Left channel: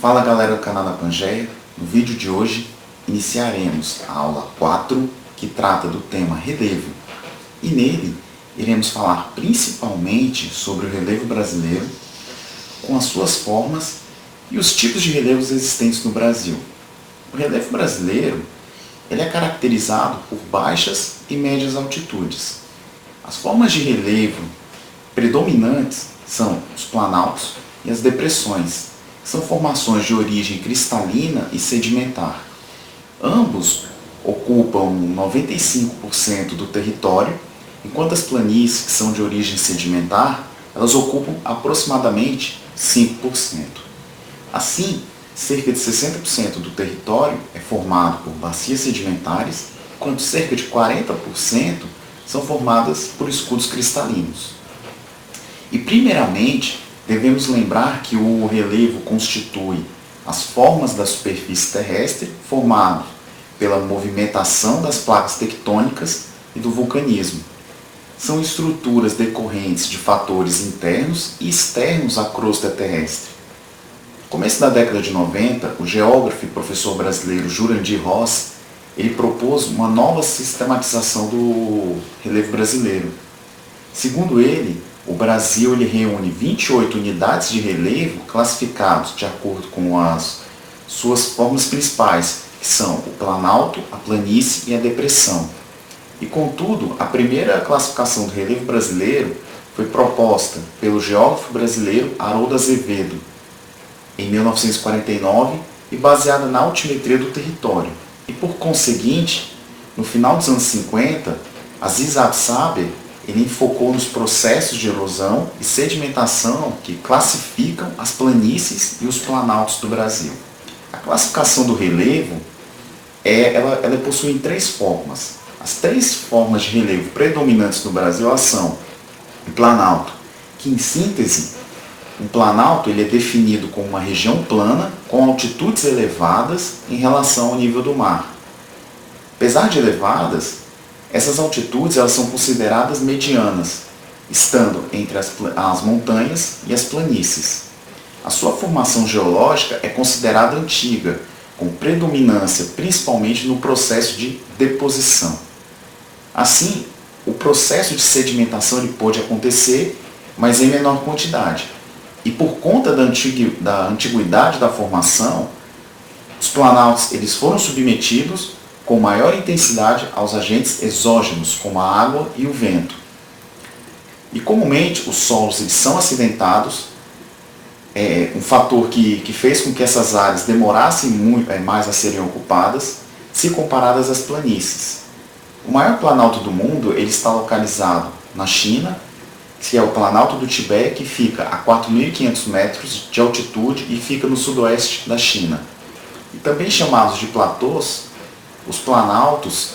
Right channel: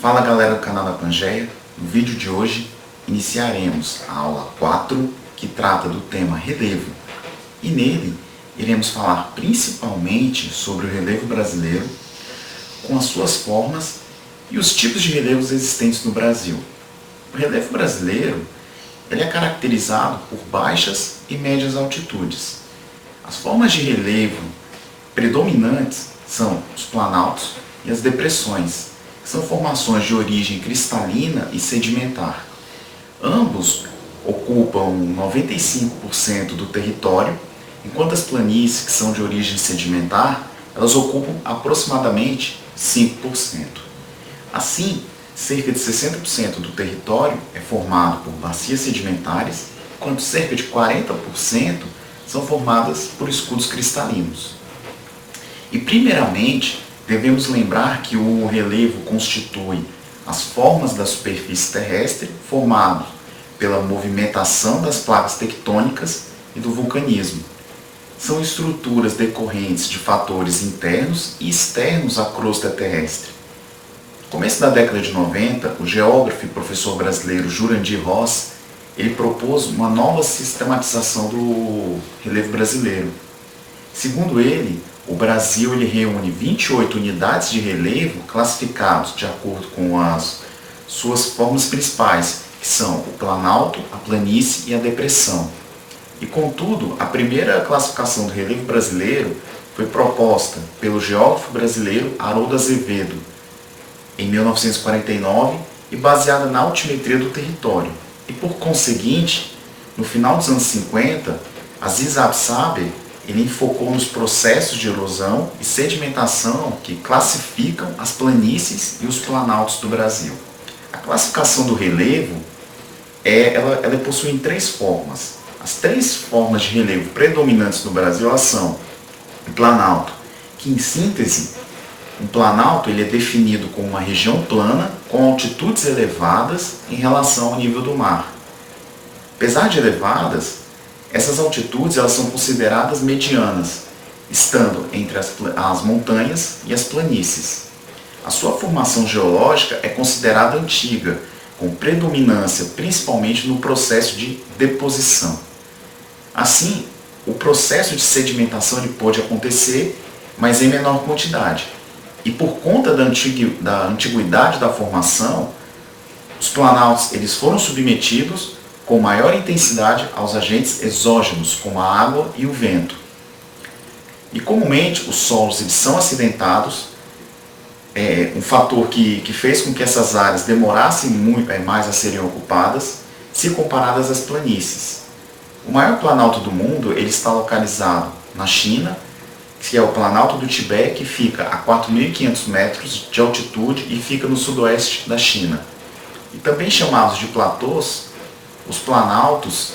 Fala galera do canal da Pangeia, no vídeo de hoje iniciaremos a aula 4, que trata do tema relevo, e nele iremos falar principalmente sobre o relevo brasileiro, com as suas formas e os tipos de relevos existentes no Brasil. O relevo brasileiro ele é caracterizado por baixas e médias altitudes. As formas de relevo predominantes são os planaltos e as depressões, que são formações de origem cristalina e sedimentar. Ambos ocupam 95% do território, enquanto as planícies, que são de origem sedimentar, elas ocupam aproximadamente 5%. Assim, cerca de 60% do território é formado por bacias sedimentares, enquanto cerca de 40% são formadas por escudos cristalinos. E, primeiramente, devemos lembrar que o relevo constitui as formas da superfície terrestre formadas pela movimentação das placas tectônicas e do vulcanismo. São estruturas decorrentes de fatores internos e externos à crosta terrestre. No começo da década de 90, o geógrafo e professor brasileiro Jurandir Ross ele propôs uma nova sistematização do relevo brasileiro. Segundo ele, o Brasil ele reúne 28 unidades de relevo classificados de acordo com as suas formas principais, que são o planalto, a planície e a depressão. E, contudo, a primeira classificação do relevo brasileiro foi proposta pelo geógrafo brasileiro Haroldo Azevedo, em 1949, e baseada na altimetria do território. E, por conseguinte, no final dos anos 50, Aziz Absaber ele focou nos processos de erosão e sedimentação que classificam as planícies e os planaltos do Brasil. A classificação do relevo ela possui três formas. As três formas de relevo predominantes no Brasil são o planalto, que em síntese, o planalto ele é definido como uma região plana com altitudes elevadas em relação ao nível do mar. Apesar de elevadas, essas altitudes elas são consideradas medianas, estando entre as montanhas e as planícies. A sua formação geológica é considerada antiga, com predominância principalmente no processo de deposição. Assim, o processo de sedimentação ele pode acontecer, mas em menor quantidade. E por conta da antiguidade da formação, os planaltos eles foram submetidos com maior intensidade aos agentes exógenos, como a água e o vento. E comumente os solos eles são acidentados, um fator que fez com que essas áreas demorassem mais a serem ocupadas, se comparadas às planícies. O maior planalto do mundo ele está localizado na China, que é o Planalto do Tibete, que fica a 4.500 metros de altitude e fica no sudoeste da China. E também chamados de platôs, os planaltos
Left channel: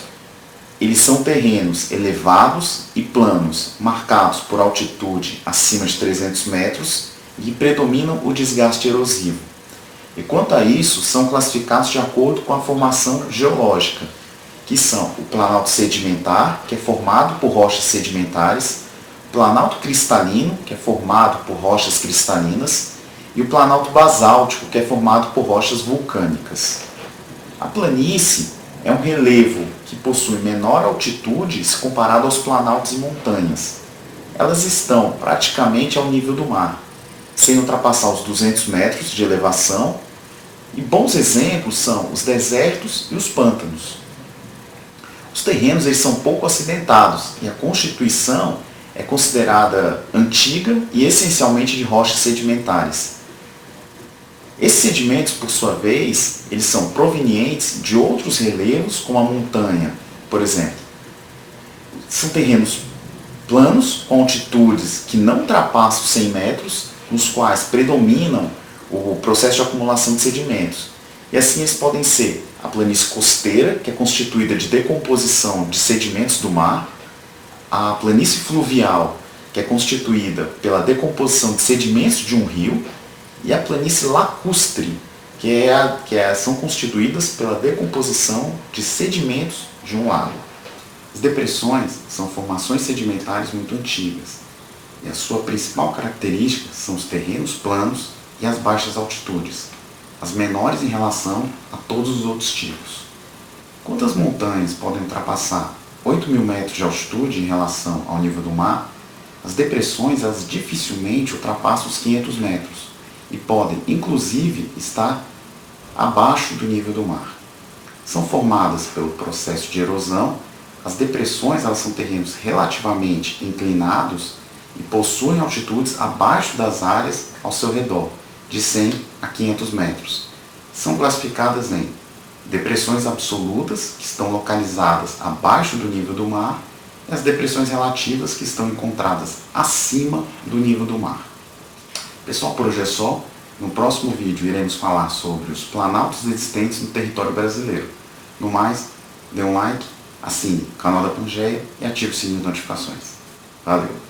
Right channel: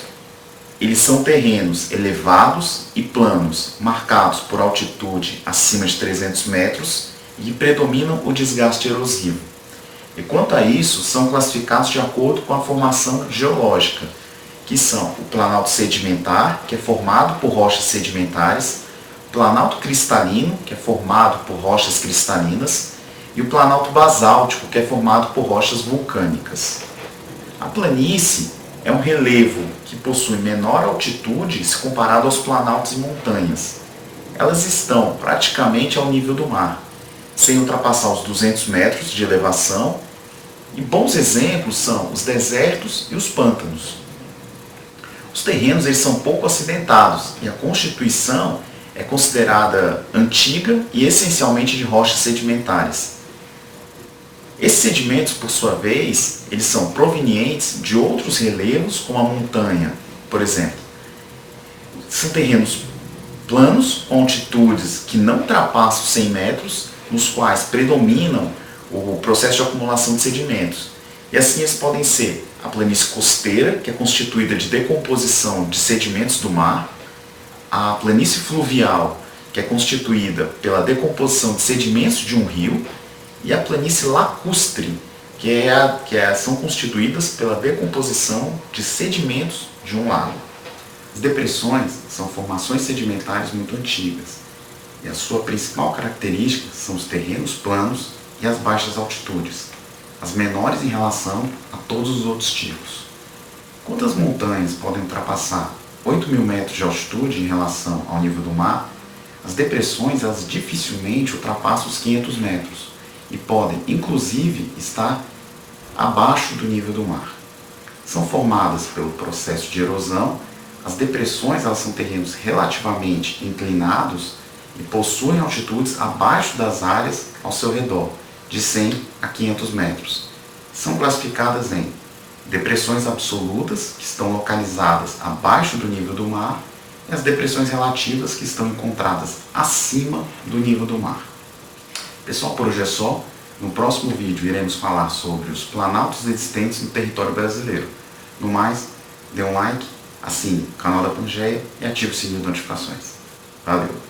eles são terrenos elevados e planos, marcados por altitude acima de 300 metros e predominam o desgaste erosivo. E quanto a isso, são classificados de acordo com a formação geológica, que são o planalto sedimentar, que é formado por rochas sedimentares, o planalto cristalino, que é formado por rochas cristalinas, e o planalto basáltico, que é formado por rochas vulcânicas. A planície é um relevo que possui menor altitude se comparado aos planaltos e montanhas. Elas estão praticamente ao nível do mar, sem ultrapassar os 200 metros de elevação, e bons exemplos são os desertos e os pântanos. Os terrenos eles são pouco acidentados e a constituição é considerada antiga e essencialmente de rochas sedimentares. Esses sedimentos, por sua vez, eles são provenientes de outros relevos, como a montanha, por exemplo. São terrenos planos, com altitudes que não ultrapassam 100 metros, nos quais predominam o processo de acumulação de sedimentos. E assim eles podem ser a planície costeira, que é constituída de decomposição de sedimentos do mar, a planície fluvial, que é constituída pela decomposição de sedimentos de um rio, e a planície lacustre, são constituídas pela decomposição de sedimentos de um lago. As depressões são formações sedimentares muito antigas, e a sua principal característica são os terrenos planos e as baixas altitudes. as menores em relação a todos os outros tipos. Quantas montanhas podem ultrapassar 8.000 metros de altitude em relação ao nível do mar? As depressões elas dificilmente ultrapassam os 500 metros e podem, inclusive, estar abaixo do nível do mar. São formadas pelo processo de erosão. As depressões elas são terrenos relativamente inclinados e possuem altitudes abaixo das áreas ao seu redor, de 100 a 500 metros. São classificadas em depressões absolutas, que estão localizadas abaixo do nível do mar, e as depressões relativas, que estão encontradas acima do nível do mar. Pessoal, por hoje é só. No próximo vídeo iremos falar sobre os planaltos existentes no território brasileiro. No mais, dê um like, assine o canal da Pangeia e ative o sininho de notificações. Valeu!